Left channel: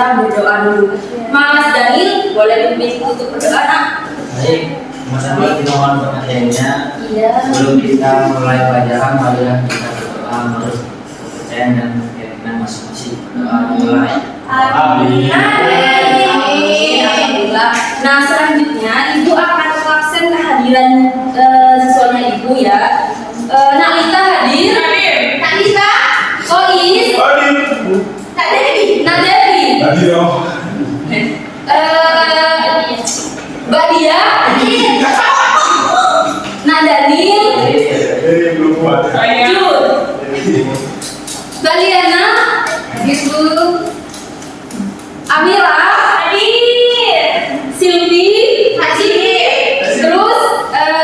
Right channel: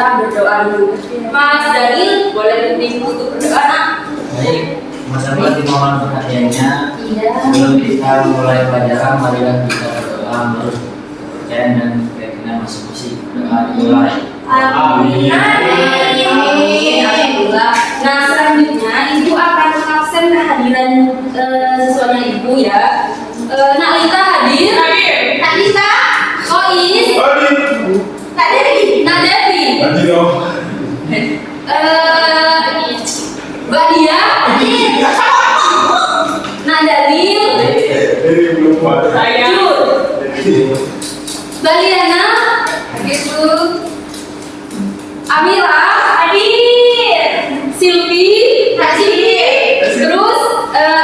kita berdoa dulu. Mas Daniel, boleh dipimpin untuk berdoa, nak? Baik, sama-sama dimohon perhatiannya. Iya. Sebelum kita mulai pelajaran, marilah kita berdoa menurut kepercayaan dan keyakinan masing-masing. Berdoa dimulai. Amin. Alhamdulillah. Nah, selanjutnya Ibu akan mengabsen kehadiran siswanya Ibu ya. Nak Lita hadir? Hadir. Kak Lita? Sois? Hadir. Kak Devi? Nak Devi? Hadir. Mbak Dia? Nak Daniel? Belum buat. Saya. Jud? Mbak Liana? Hadir Bu. Amira? Hadir. Silvi? Hadir. Terus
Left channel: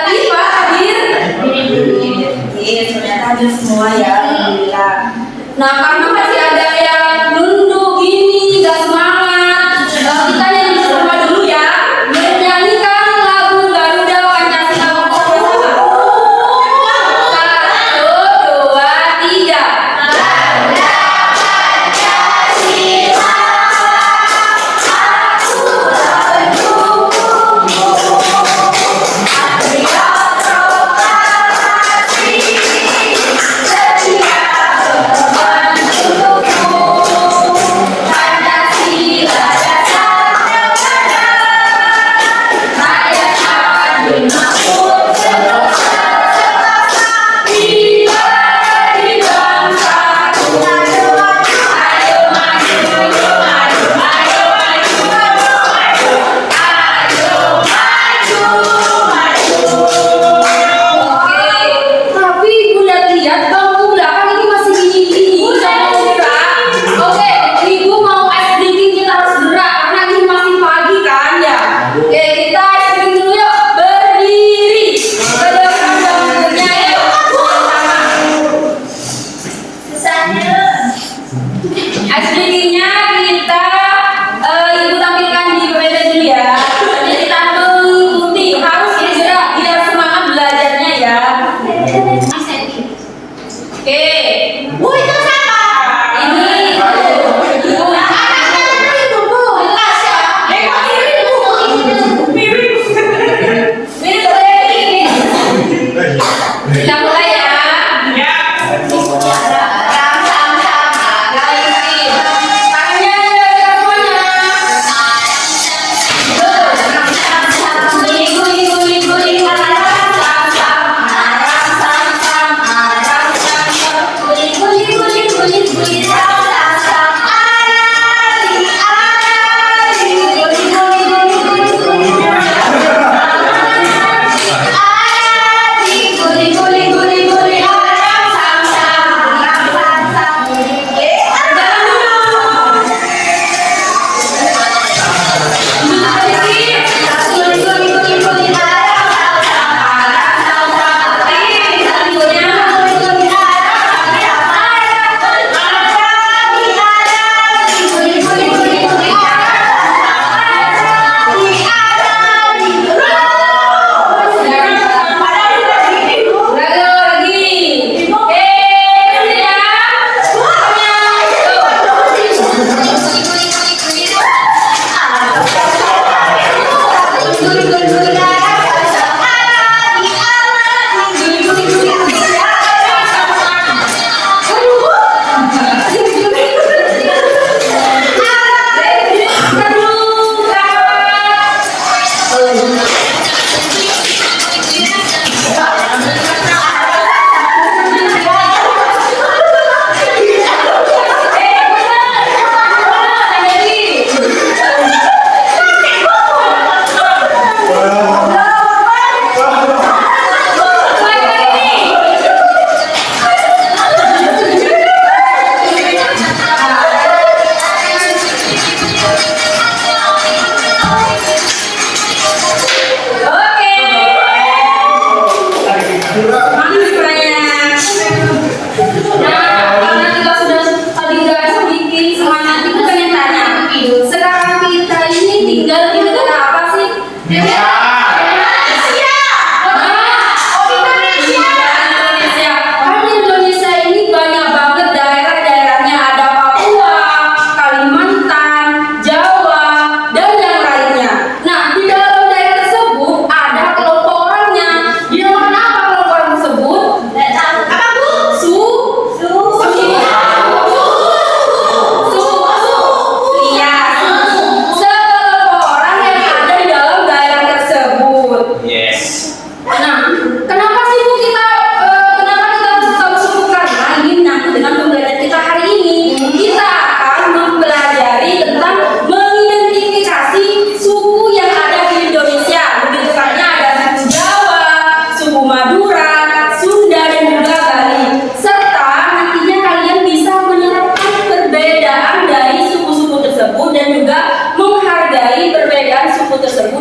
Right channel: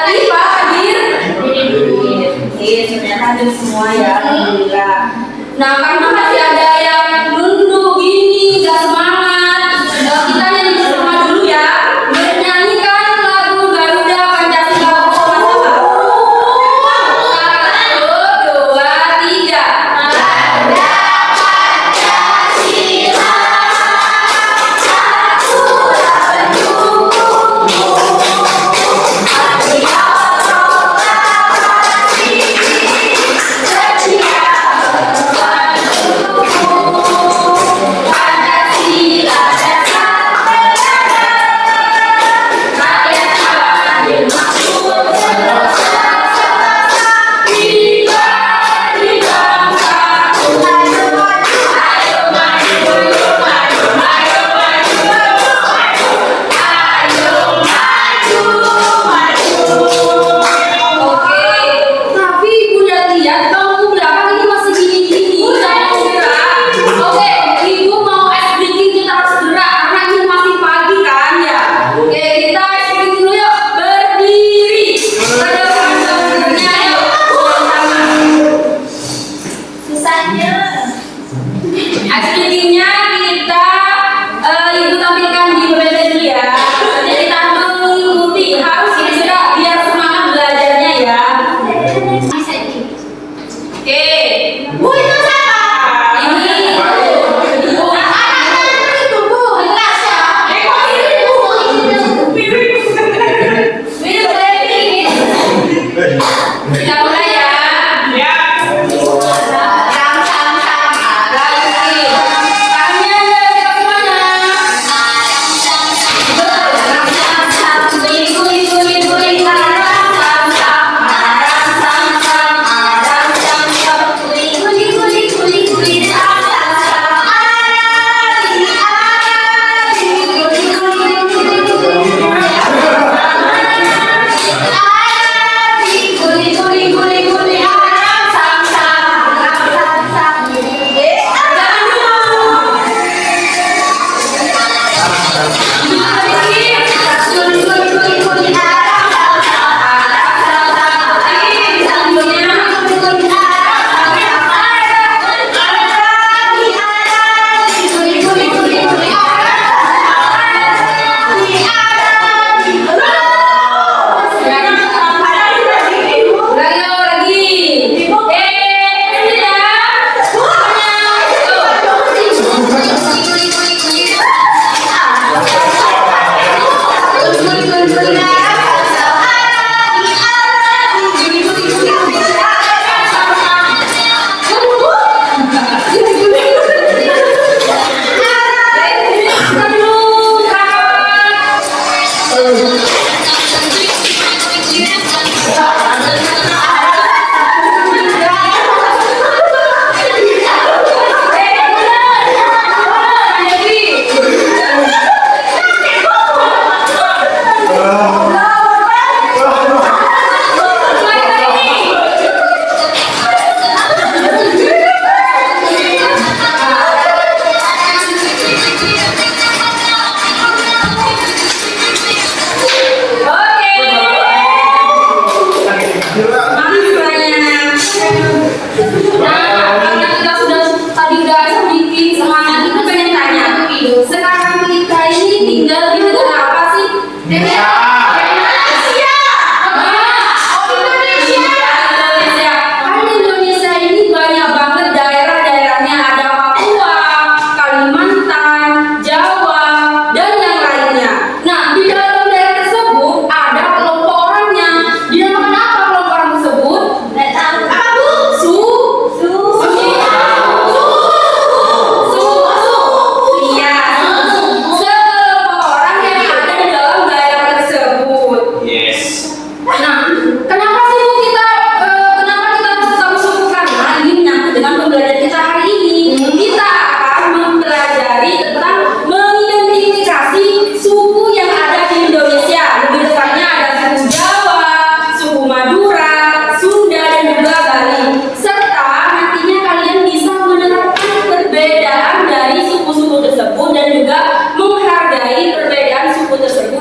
Iva hadir? Hadir. Sudah hadir semua ya. Alhamdulillah. Nah, karena masih ada yang nunduk gini, gak semangat, kita nyanyi bersama dulu ya. Menyanyikan lagu Garuda Pancasila bersama-sama. 1, 2, 3. Garuda Pancasila, akulah pendukungmu. Patriot proklamasi, setia berjuang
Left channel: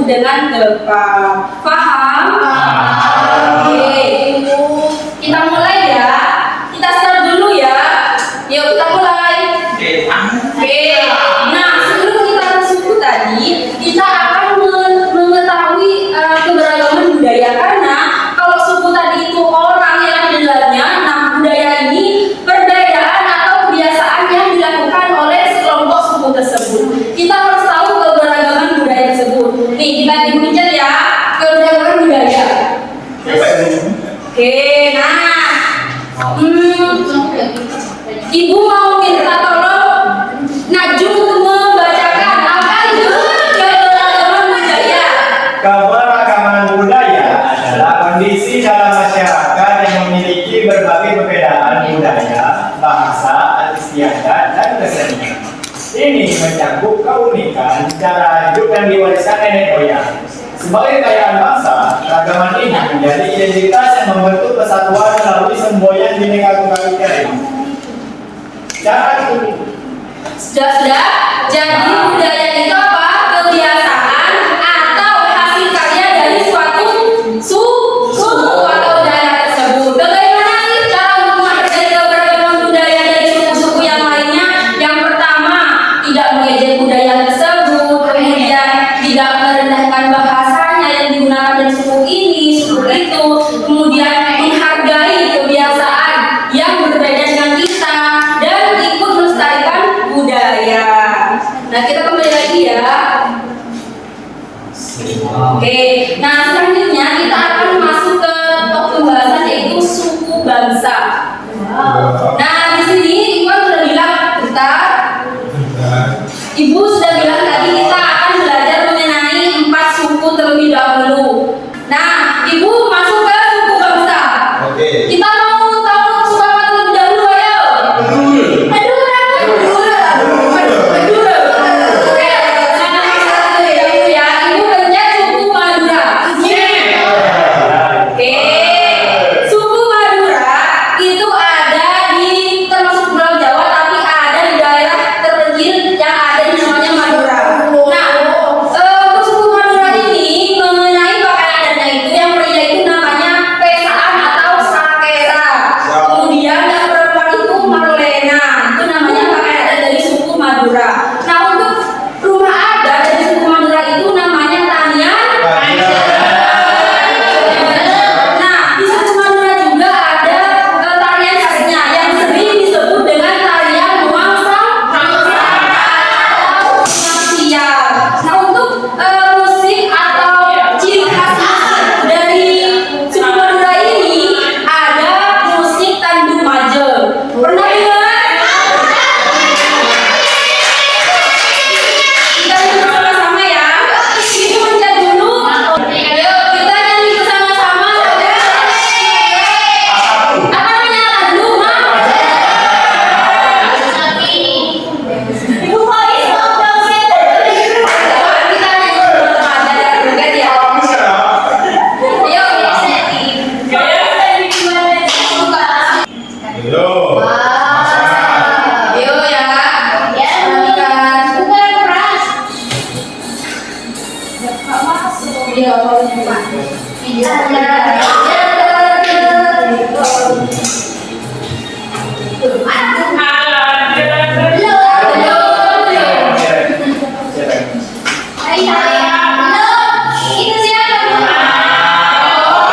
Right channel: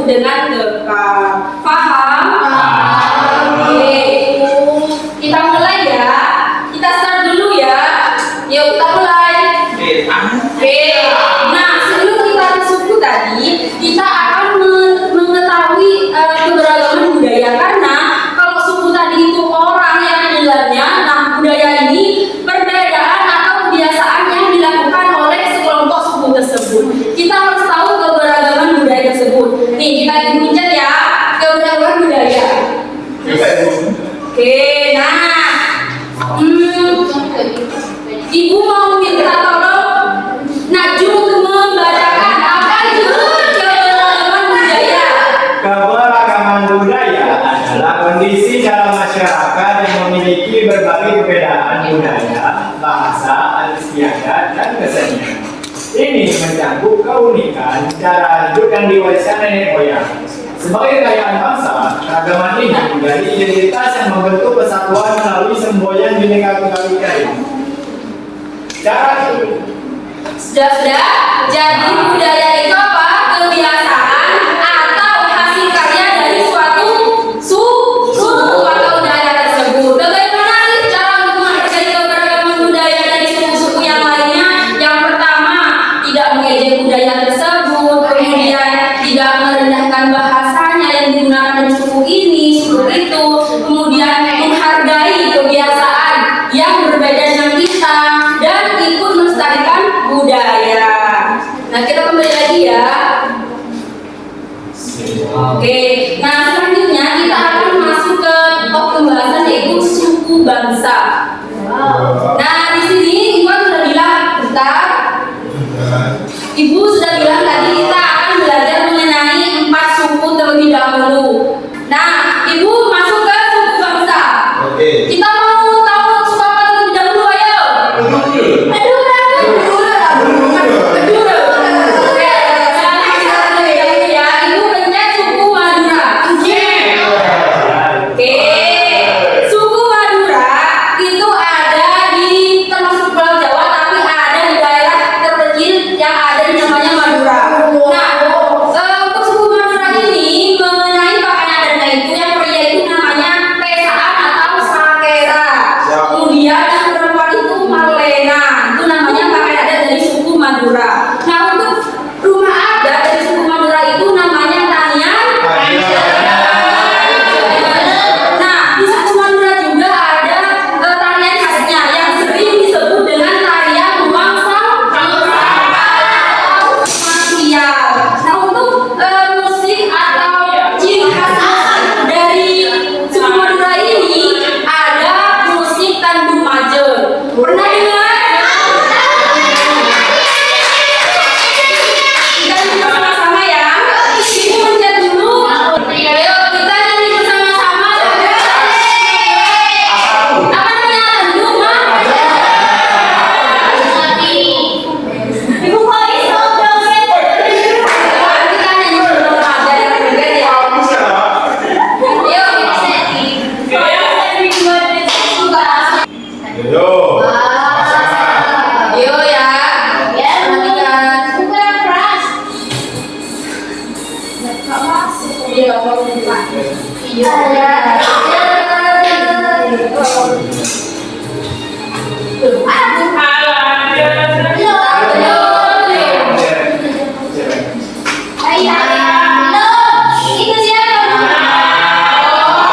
dengan tepat. Paham? Oke. Kita mulai ya. Kita start dulu ya. Yuk kita mulai. Oke. Nah, sebelum kita ke suku tadi, kita akan mengetahui keberagaman budaya, karena kalau suku tadi itu orang yang di dalamnya, nah budaya ini perbedaan atau kebiasaan yang dilakukan oleh sekelompok suku tersebut. Kita harus tahu keberagaman budaya tersebut. Nih, kita dibuncet ya, keberagaman budaya. Oke, nah, Ibu mau minta tolong Najwa untuk membacakan apa itu keberagaman budaya. Keberagaman budaya adalah kondisi dalam masyarakat yang memiliki berbagai perbedaan budaya, bahasa, adat istiadat, dan kesenian. Ini mencakup keunikan cara hidup yang diwariskan nenek moyang. Sebagai kekayaan bangsa, keragaman ini menjadi identitas yang membentuk kesatuan melalui semboyan Bhinneka Tunggal Ika ini. Cara Sudah. Jadi budaya itu apa? Kebiasaan atau hasil karya dari suatu suku atau daerah tersebut. Bagaimana sih cara untuk menghargai keberagaman budaya dari suku-suku yang lainnya? Yang pertama, tidak mengejek budaya tersebut, kemudian tidak merendahkan bahasanya yang digunakan dari suku ini, suku itu, kemudian menghargai kebiasaan yang berbeda dengan kita dan ikut melestarikan budaya. Nah, kita kembali lagi ya. Oke, nah selanjutnya kita akan masuk ke topik pembahasan yaitu suku bangsa. Nah, di sini Iwan sudah bilang bentar. Ibu sudah bilang tadi kita akan belajar mengenai 4 suku terlebih dahulu. Nah, Ibu masuk ke suku bangsa. Oke. Kita mau tahu suku apa terlebih dahulu, ayo. Madura. Oke, ya, Ibu pencet suku Madura. Oke, suku Madura itu ada di termasuk Pulau Jawa, tapi ada di daerah terpencil yang ada di namanya Madura. Nah, untuk suku Madura ini mengenai pakaian adatnya itu, yang pria itu namanya pesaan atau sakera. Kemudian yang perempuan itu marlena. Itu namanya pakaian adat dari suku Madura. Nah, untuk rumah adat dari suku Madura itu namanya tanian. Nah, di suku Madura juga ada tarian khasnya yang sering disebut dengan tarian nuansa marsial. Nah, untuk musik atau ciri khas dari suku Madura ini ada musik Tandu Maje. Pernah dengar? Kita nyanyi bersama-sama ya. Ibu mencet dulu. Ayo kita nyanyi bersama-sama. Apa namanya Tandu Maje? Ibu Faiz mau dong kita nyanyi bersama aja dengan ya. Ayo. Yo. Yo ya. Iya, itu siapa? Oh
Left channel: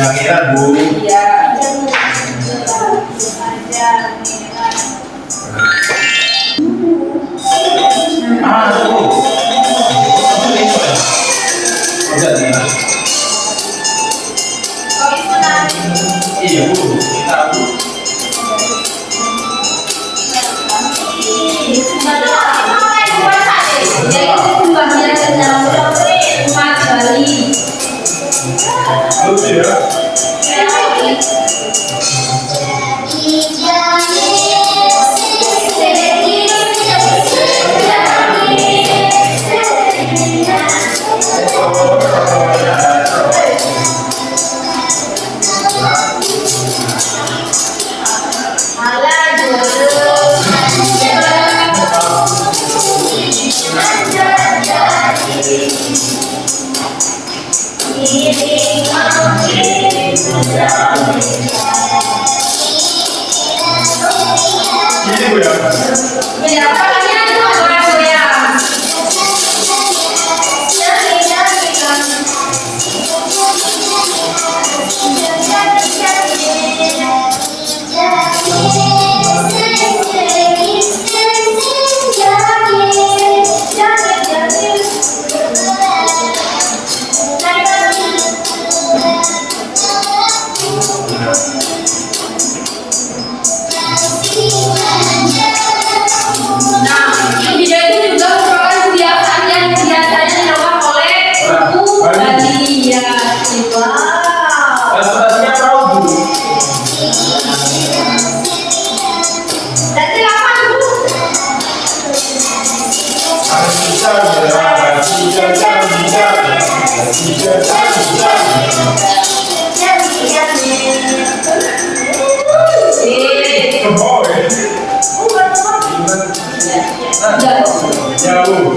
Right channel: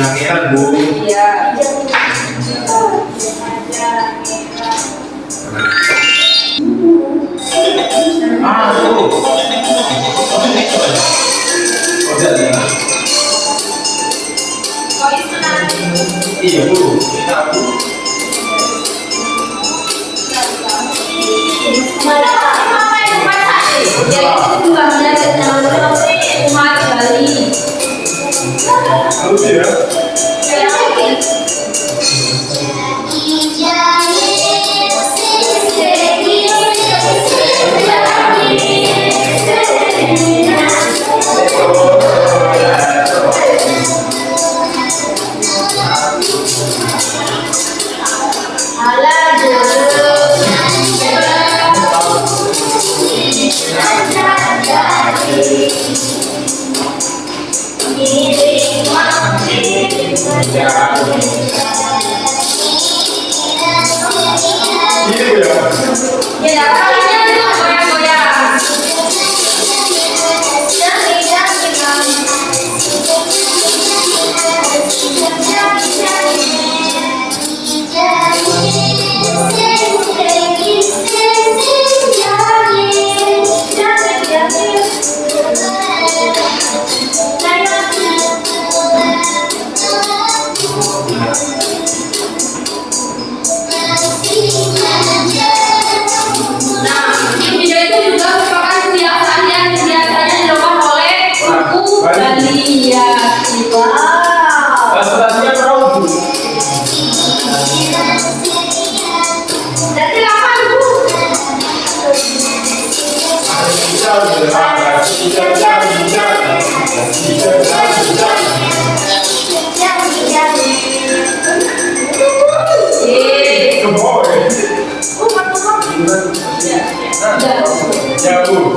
Yang merah Bu. Iya. Bu. Udah nih. Iya Bu, kita Bu. Lucu ya. Ini Bu ya. Ya, tangannya tuh goyang-goyang. Nah, di video itu juga merupakan kebiasaan yang biasanya dilakukan oleh suku Bali. Ya, wow. Bahasa-bahasanya perahu Bu. Berarti kapan Bu?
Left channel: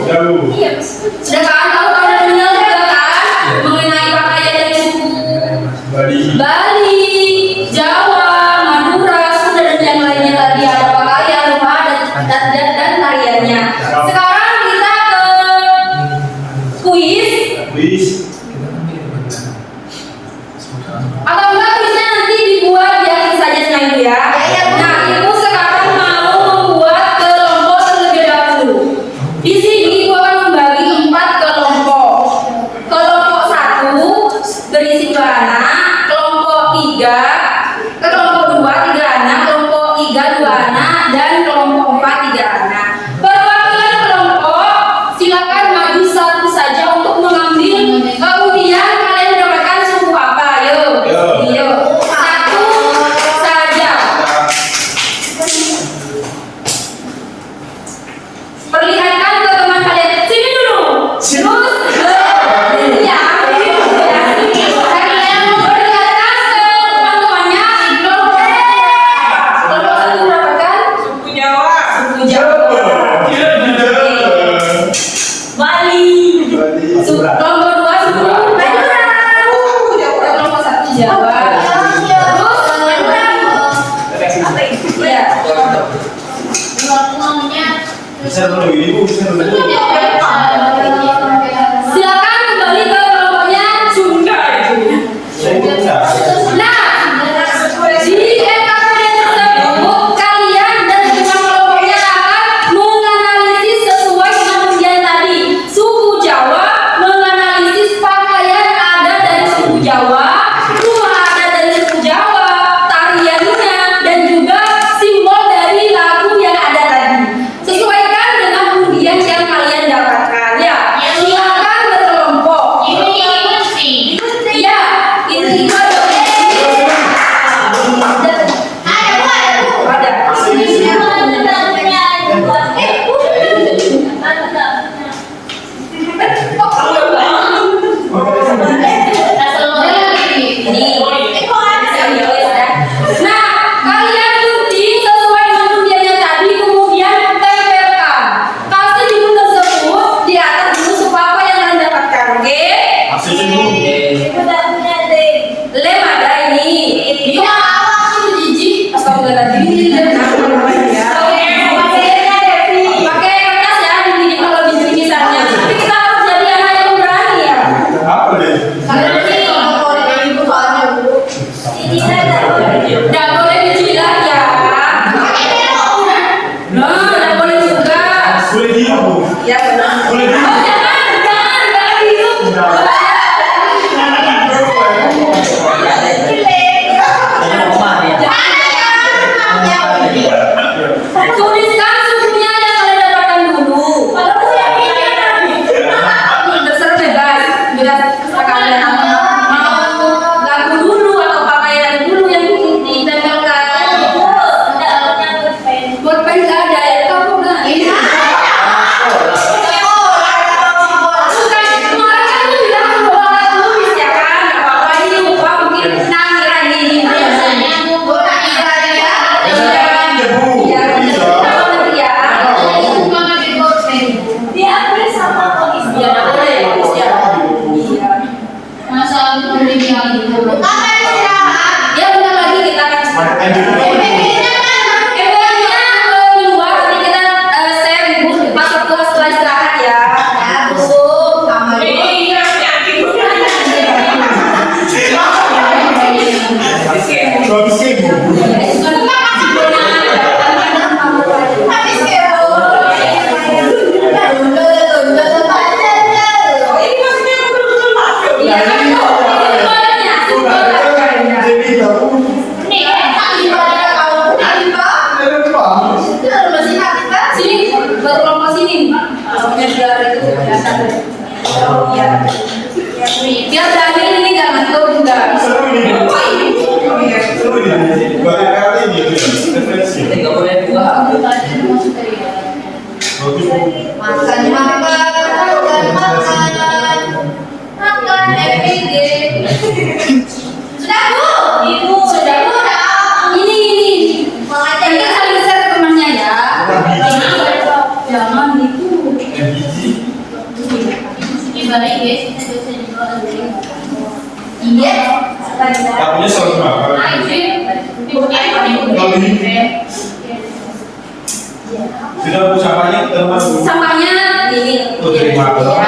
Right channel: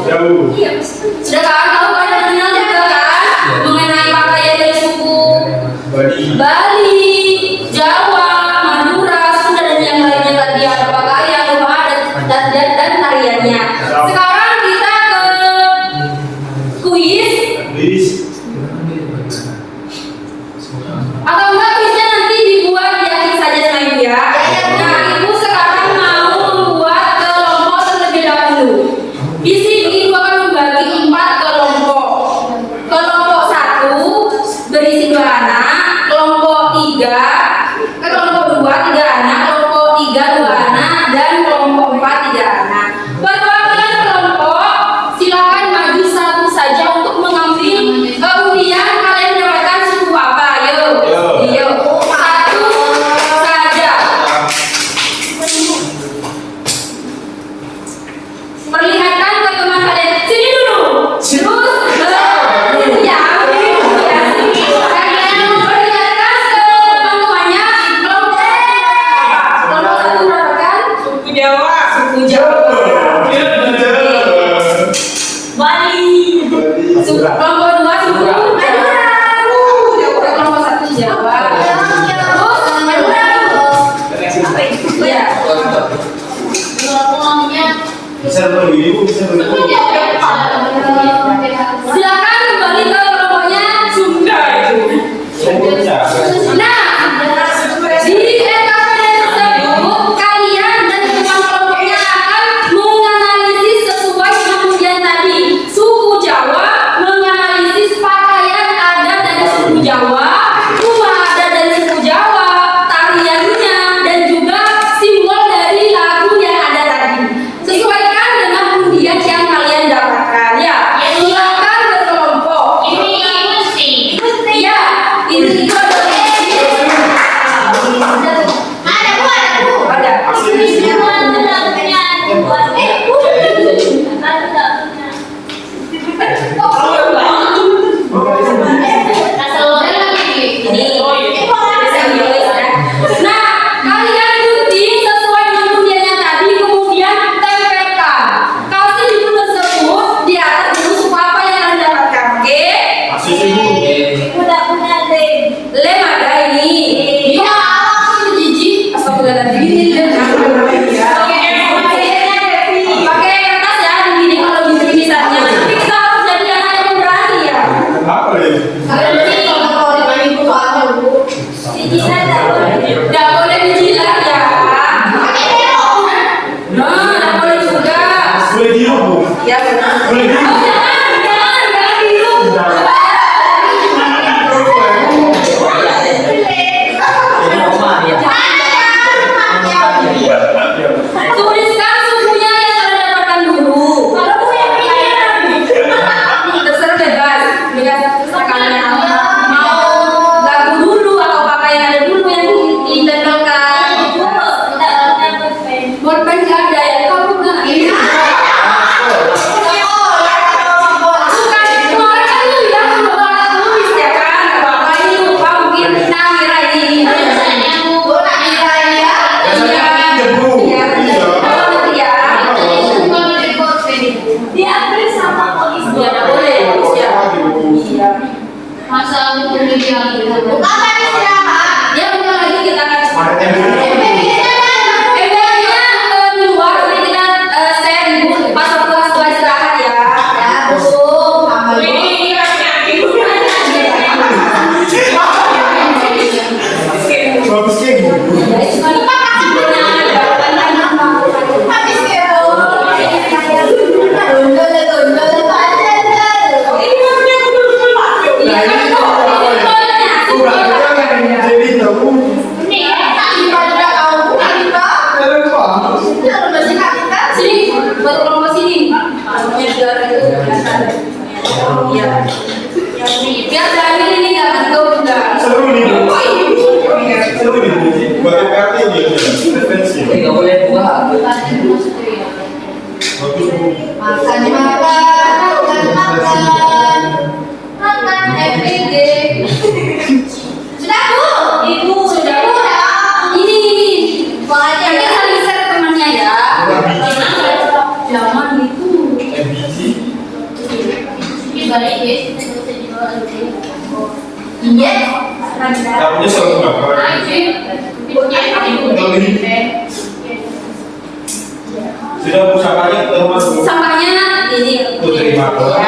Jauh. Iya. Sudah kan tahu pada kenal juga kan mengenai pakaian dari suku Bali, Jawa, Madura, Sunda dan yang lainnya tadi ada pakaian, rumah adat dan tariannya. Sekarang kita ke kuis. Atau enggak kuisnya nanti dibuat biasa saja dengan Ibu ya. Nah, Ibu sekarang mau membuat kelompok terlebih dahulu. Di sini Ibu akan membagi 4 kelompok. Kelompok 1 berisi 2 anak, kelompok 3, kelompok 2 3 anak, kelompok 3 2 anak, dan kelompok 4 3 anak. Perwakilan kelompok silakan maju satu saja untuk mengambil undian. Kalian mendapatkan suku apa? Yuk. Satu saja. Perlihatkan ke teman kalian. Sini dulu. Terus ya, begini dulu ya. Kalian perlihatkan ke teman-temannya. Kelompok 1 mendapatkan suku Jawa. Bali. Kelompok 2 suku Madura. Kelompok 1 Jawa. Terus Madura. Apa itu? Iya. Bisa dulu ini Bu, bisa dulu. Silakan kembali ke kelompoknya Sunda itu. Nah, di LKPD tersebut kalian dan teman kelompoknya akan menganalisis sesuai dengan undian tadi. Suku Jawa menganalisis pakaian adat dari suku Jawa, rumah adat dari suku Jawa, tariannya, dan juga simbol dari lagu yang ada tadi. Sesuaikan dengan undian yang kalian dapatkan ya. Silakan berkelompok. Ya, ini ada. Nah, kalian gunting sesuai dengan undian yang tadi, kemudian tempelkan. Kasih di buku tersebut di atas buku apa yang kalian dapatkan, oke? Lem ada ini. Iya, aku jijik. Astagfirullahaladzim. Pakai kertas ya, begini kalau bisa-bisanya. Tapi kita harus jadi anak yang berani ya. Apa deh? Kalau ini kalau ibu soalnya Apa istirahat? Ya bentar lagi kita akan di luar, nanti kita share ibu pas waktu setelah istirahat ya. Ya bu, sama bu. Bagus kayak bu. Habis kepo. Tunduk panjang. Oh ini maksudnya tunduk. Iya kan kok. Jadi tahu. Nih, tak lima ada kau, tak lima. Kenapa? Sudah masih tak lima. Sini, buat kelompok sini. Kelompoknya biar itu kelihatan. Iya. Biar Daniel ini nggak ngantuk juga. Seru ini. Seru ini. Baru kali ini. Referensi. Jadi nggak boleh buah. Bagus. Makan, makan, every day. Sudah bu, ibu sudah bu. Ini, nanti saling share temannya ya. Jangan itu. MBG. Ibarat guys, kita bisa dijual iya. Tapunya selalu berapa? Sudah bu sampahnya ke rumah bu. Sampahnya ini. Oh, terima kasih.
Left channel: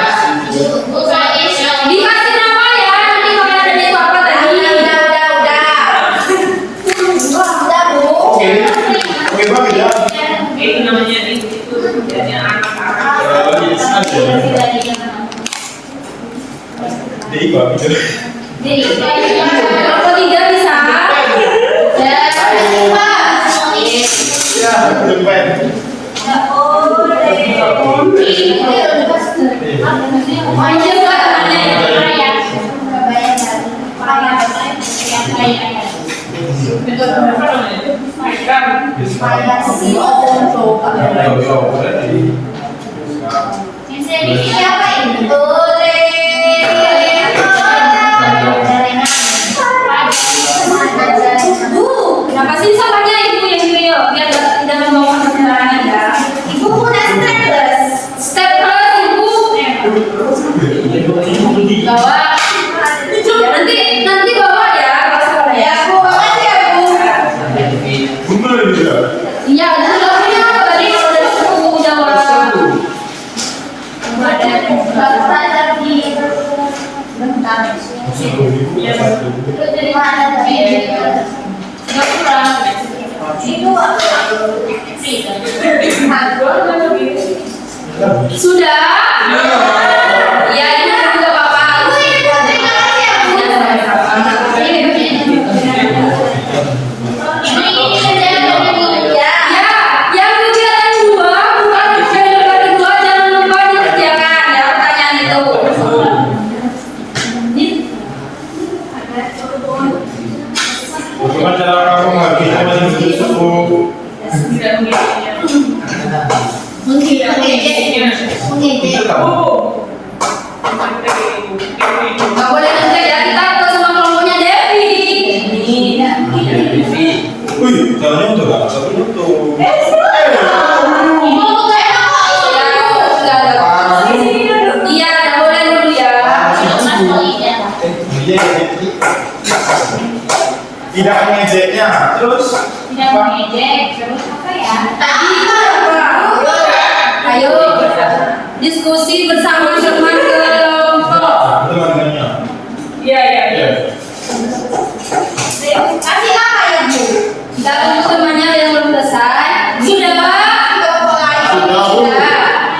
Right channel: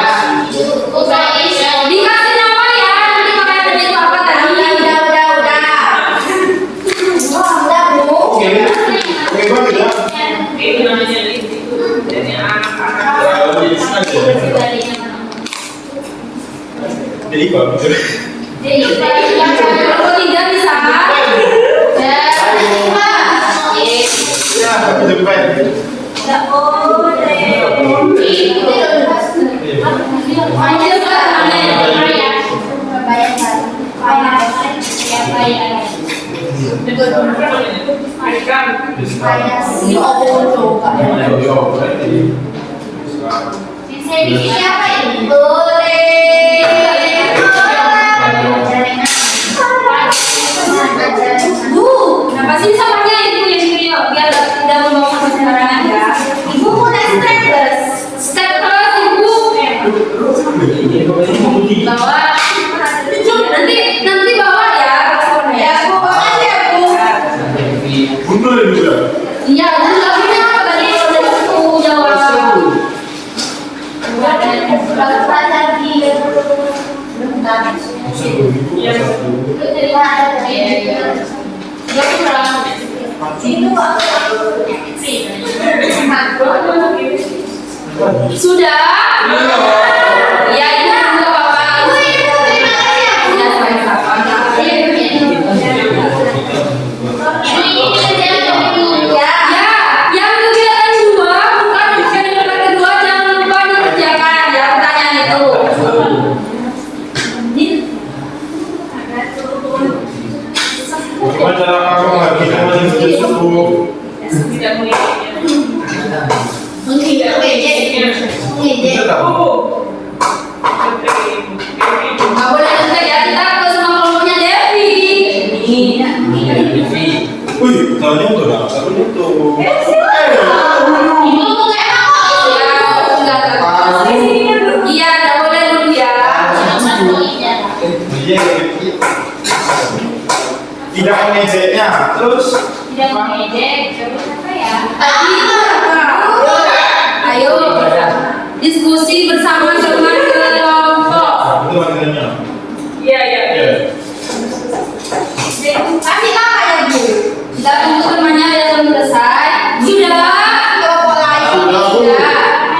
Dikasih nama ya, nanti makanan itu apa tadi? Udah bu. Oke. Oke banget ya. Ini namanya itu dari anak-anak. Jadi kok gitu. Kalau tiga bisa. Ya, depan. Nggak boleh. Main juga temannya. Siapa ini? Bu, kenapa sih sampahnya ibu yang Rio? Biar tidak membawa sampah sembarangan ya. Ibu punya staples. Staples ibu. Bawa. Nanti bawa ya. Ya bu, bawa aja bu. Betul juga. Iya, dan nggak punya apa tadi udah aku jawab. Bagus banget di. Bentar. Itu dari mana tadi? Nggak kurang. Itu sudah? Ya ini nggak apa-apa. Terima kasih ya bu. Ya sama-sama. Ya, yang kegiatan dua bukan kegiatan kedua jangan lupa dikerjakan ya pertanyaan itu. Gimana cara kamu menghabiskan menuju subuh? Tidak mengikuti. Itu kamu. Nggak boleh ngecek ya, kita ke sama kelompoknya Devi. Wih, soalnya untuk apa? Satu untuk. Ibu tuh enak kok. Sudah ada. Iya, nggak boleh dulu ya. Iya, tidak mengejeknya. Terus Tidak mengejek, terus apa ya? Tadi itu apa? Ayo diskusi bersama teman kelompok. teman-temannya. Iya, iya. Ya. Kasih apa ya bu? Kita tunggu temannya yang belum selesai. Sudah. Kelompok lain sudah.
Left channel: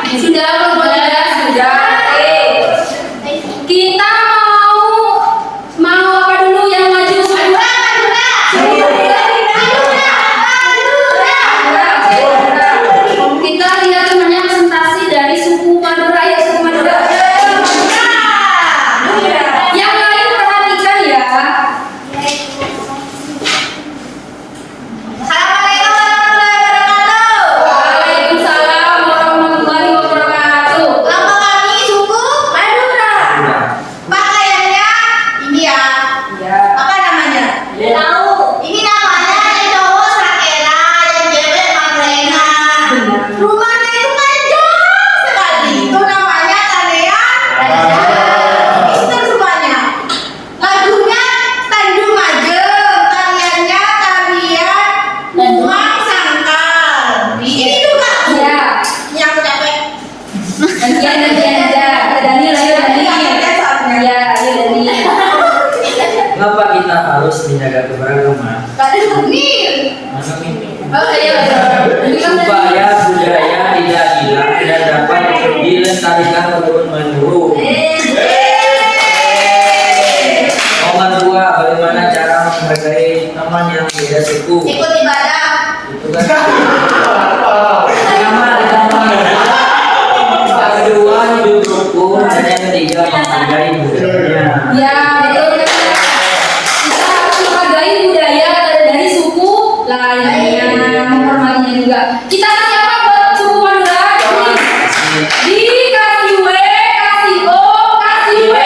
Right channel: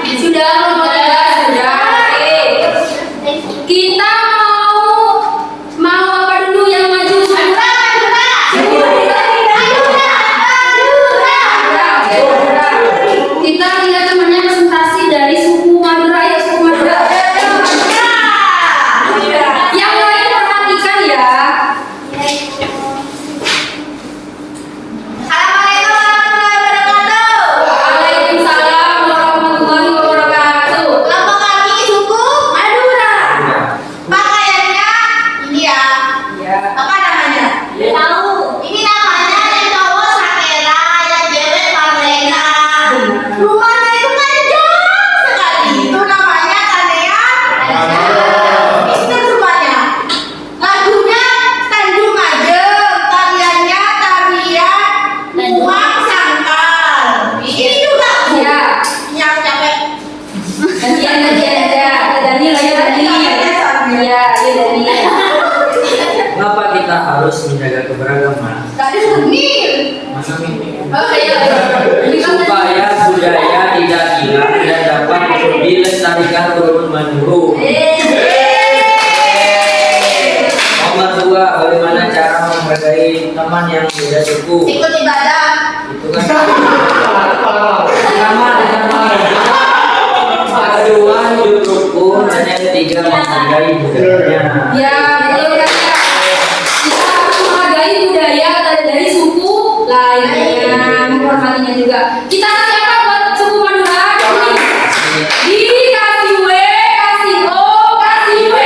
Sudah kelompok tiga sudah. Kita mau apa dulu yang maju? Kita lihat temannya presentasi dari suku Madura ya suku Madura. harus menjaga keberagaman. Tadi nih. Mana ini? Oh iya. Supaya budaya tidak hilang dan dapat dilestarikan turun menurun. Nomor 2, bagaimana cara menghargai teman yang beda suku? Ikut ibadah. Itu kan sama dengan mana? Kedua, hidup rukun, dan yang ketiga menghargai budayanya. Ya, betul kan? Kita harus menghargai budaya dari suku lainnya, menghormatinya juga. Kita kasih apa buat suku Madura? Dikasih W, kasih O, kasih W.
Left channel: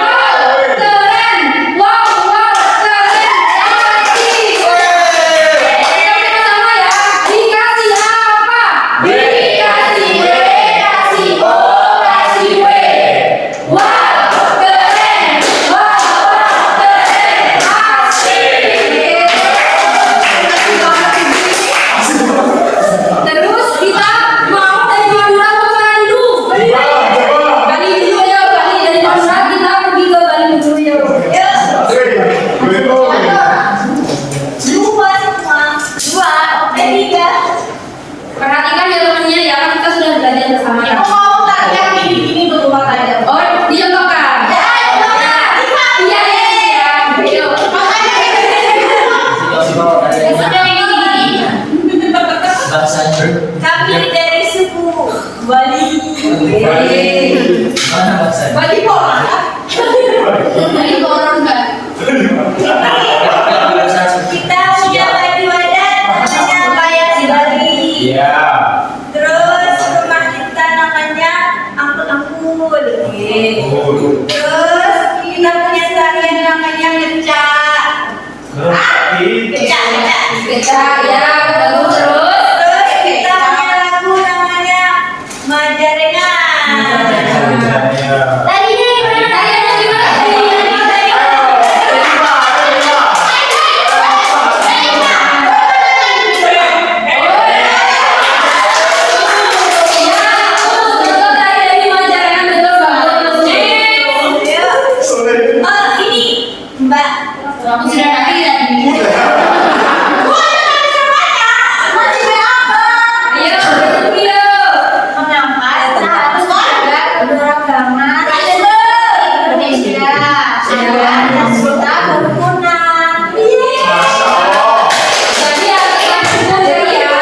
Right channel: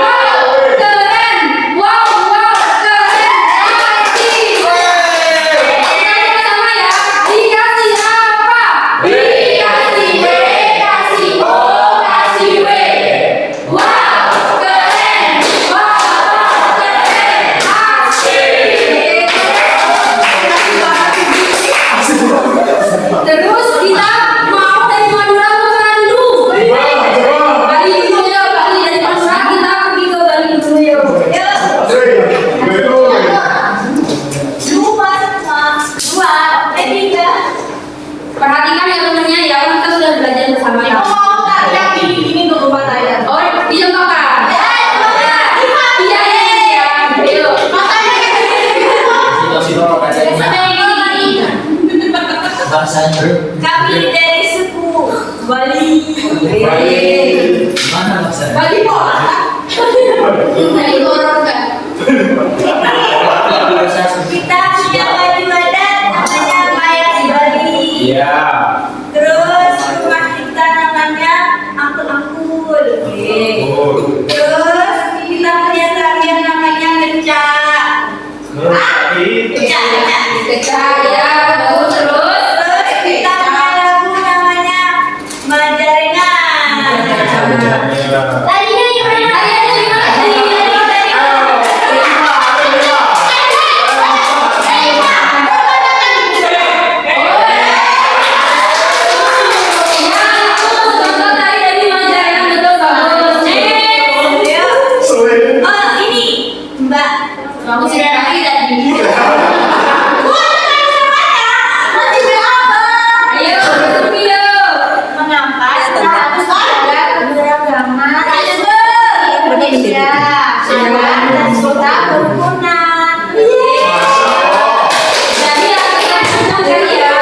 Wow, keren. Wow, keren. Kasih W. Kita sama-sama ya. Dikasih apa? Dikasih W, kasih O, kasih W. Wow, keren. Wow, keren. Terus kita mau dari Madura ke mana dulu? Bali dulu ya, Bali dari Madura kita pergi ke Bali dulu ya. Dua semua, dua, tiga. Perhatikan ya temennya ya, kita sudah belajar bersama ya. Mau nggak yang gini dulu aja? Oh, dicontohkan. Iya. Ayo. Siapa dari bahasanya? Kami dari suku Bali. Mana bahasanya? Bali pola. Bali orang kan. Kita punya baju adat namanya Payak di Bali. Iya. Terus rumah kita namanya Angkul. Terus kita punya tarian namanya ngecak. Ngecak ya. Terus kita punya lagu namanya Majarengan. Tadinya gimana? Tadinya gimana? Oh ini Mbak, aku sudah lagi tadi. Masih berapa? Ayo bertemu mengapa kita harus menjaga keberagaman Indonesia dan kota kerukunan. Jadi akan semuanya ya.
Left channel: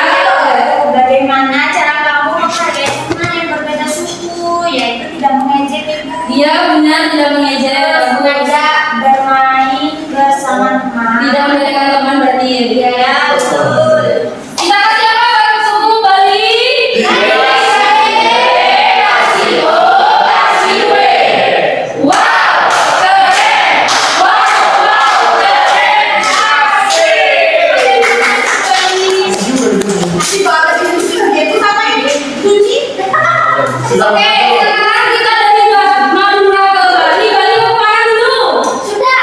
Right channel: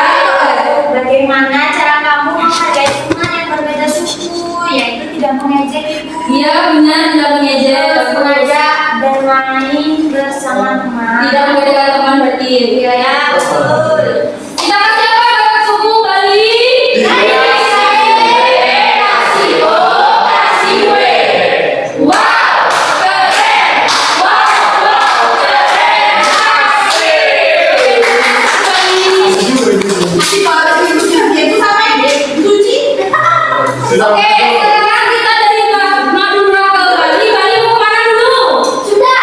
Bagaimana cara kamu menghargai teman yang berbeda suku, yaitu tidak mengejek ibu. Iya benar, tidak mengejek. Sengaja bermain bersama teman. Tidak membedakan teman berarti. Iya ya. Betul. Kita kasih apa buat suku Bali? Kasih O, kasih W. Wow, keren. Wow, keren. Masih bawa itu sama ini. Kunci. Oke, sekarang kita dari Madura ke Bali. Bali mau kemana dulu? Sudah.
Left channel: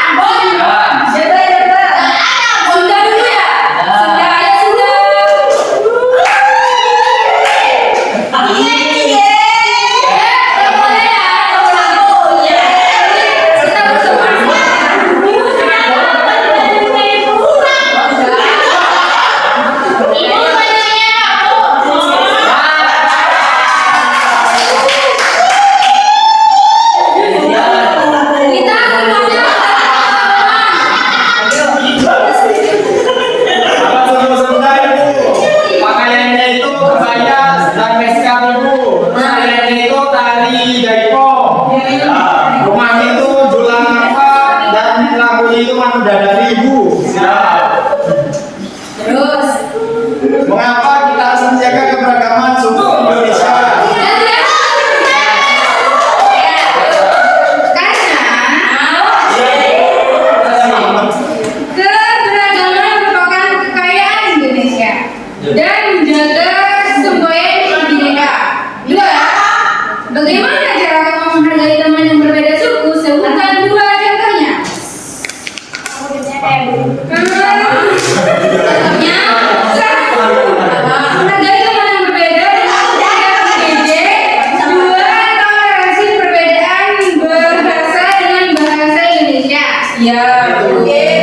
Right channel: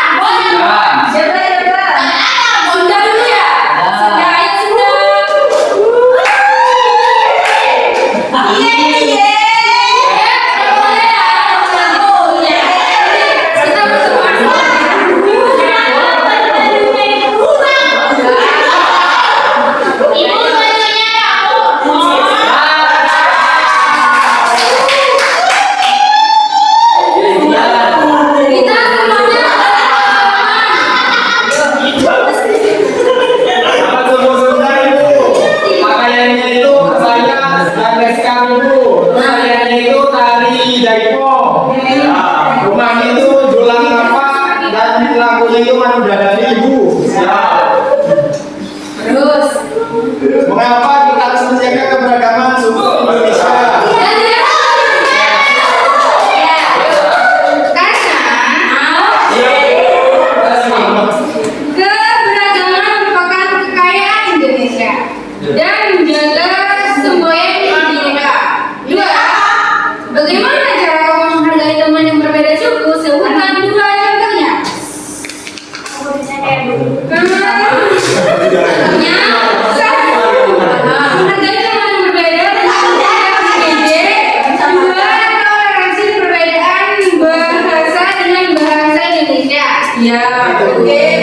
Sudah dulu ya. Sudah, ayo sudah. Kita bersama-sama. Kita semuanya Akan semua selesai Bu. Pakaiannya itu kebaya dan beskap Bu. Pakaiannya itu tari jaipong. Nah, rumahnya itu julang apa dan lagunya itu Manu Dadari Bu. Siap. terus. Mengapa kita harus menjaga keberagaman suku Indonesia? Keberagaman merupakan kekayaan Indonesia dan menjaga semboyan bineka. Dua, bagaimana cara kamu menghargai teman yang berbeda suku? Sebutkan dua contohnya. Contohnya, menghargai teman yang berbeda dengan tidak mengejek. Dua, toleransi perbedaan bahasa dengan bahasa Indonesia. Ya, oke.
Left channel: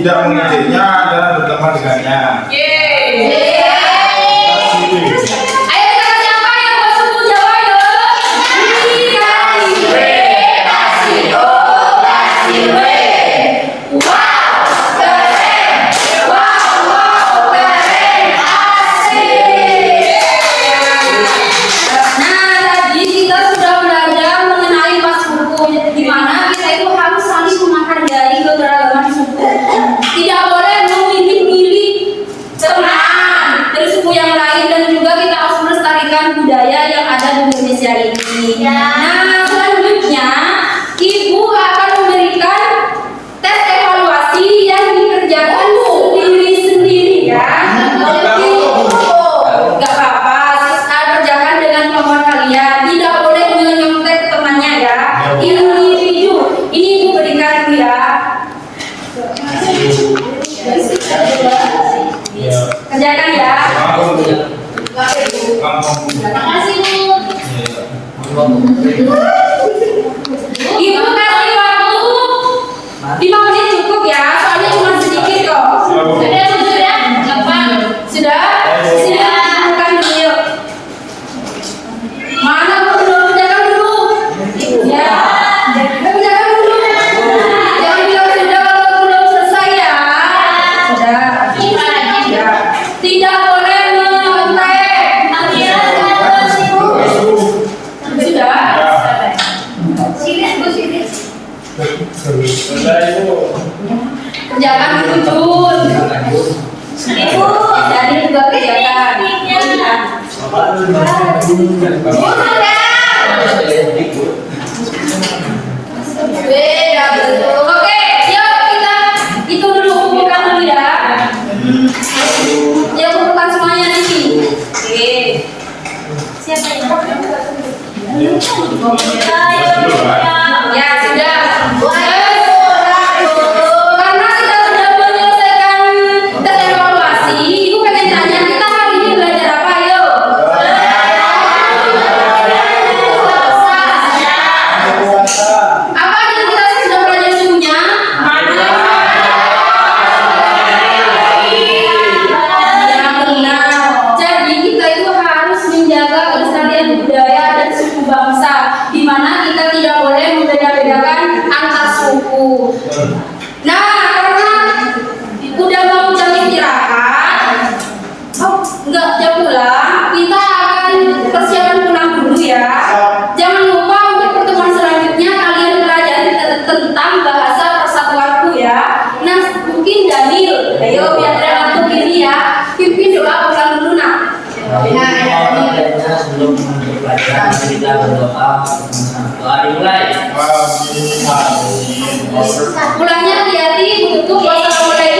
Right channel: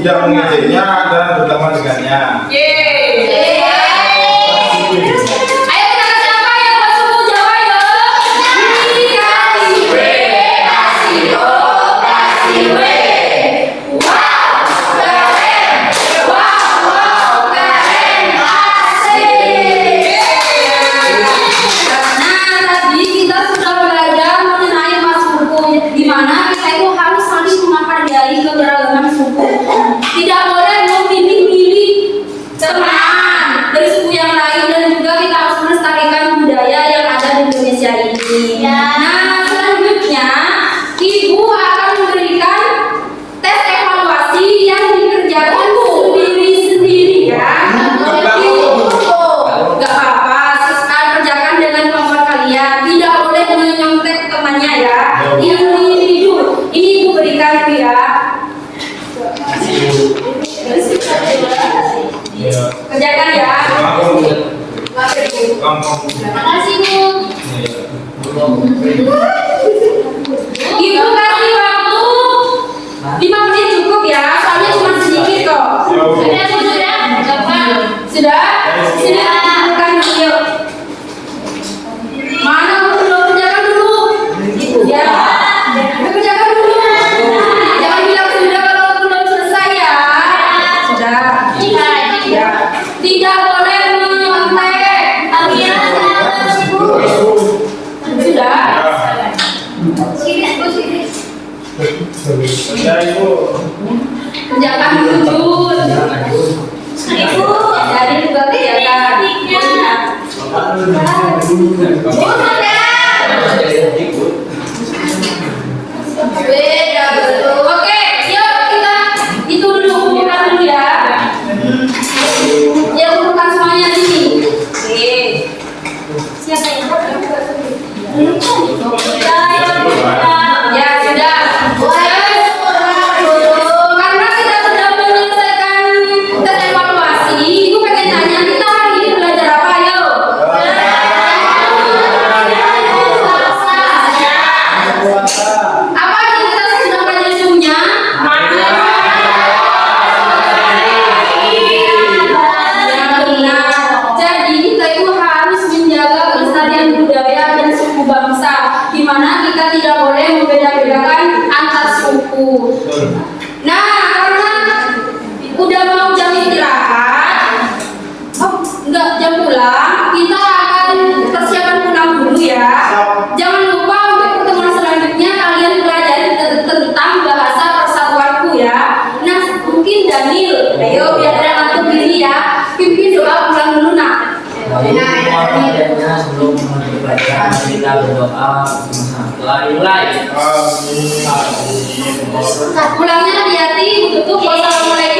tidak mengejeknya dan berteman dengannya. Yeay. Ayo kita kasih apa yang buat suku Jawa yo? Kasih W, kasih O, kasih W. Wow, keren. Wow, keren. Asik. Nah, tadi kita sudah belajar mengenai mas suku, di mana kita itu harus saling menghargai keberagaman suku. Tidak boleh memilih-milih teman dari suku yang lain, dan juga kita harus melestarikan budaya yang ada di Indonesia ini. Nah, selanjutnya Ibu akan memberikan tes evaluasi yang dikerjakan sendiri-sendiri ya. Gak apa-apa, kerjakan dengan kemampuan kalian. Tidak boleh menyontek temannya ya. Individu. Ini Ibu berikan ya. Kerjakan ya. Makasih Bu. Ibu kasih waktu 5 menit cukup ya, soalnya cuma sedikit kok. Sudah? Kapan? Sudah? Sudah. Bukan dulu yuk. Mana belum kerjakan dulu? Ya. Kerjakan dulu. Jangan bilang sudah kalau belum selesai ya. Sudah. Ya. Tidak boleh menyontek. Sudah? Bentar Ibu. Kerjakan dulu Jun. Ibu, dari juga kerjakan. Beda betul. Oke, yuk kita itu dulu, kumpulkan dulu ya. Ya, kumpulkan semuanya di sini. Oke. Siapa yang ya sudah. Karena kita sudah menyelesaikan tes evaluasi, Ibu pengen tanya kita hari ini belajar apa yuk? Apa yang kita sudah belajar suhunya? Ya benar. Jadi kita itu harus menjaga kelestarian budaya dan suku bangsa, di mana kita tidak boleh membeda-bedakan antar suku. Nah, karena udah mau jam istirahat, enggak jam pulang, kita akan persiapan pulang dulu ya. Jangan lupa untuk pertemuan selanjutnya kalian pelajari tentang bahasa persatuanku ya. Nah, mungkin Daniel, ayo biar dia ngantuk gini ya. Pimpin doa pulang dulu nak. Sebelum menutup pelajaran kita berdoa bersama-sama. Dimulai. Pulangnya hati-hati, tutup. Wassalamualaikum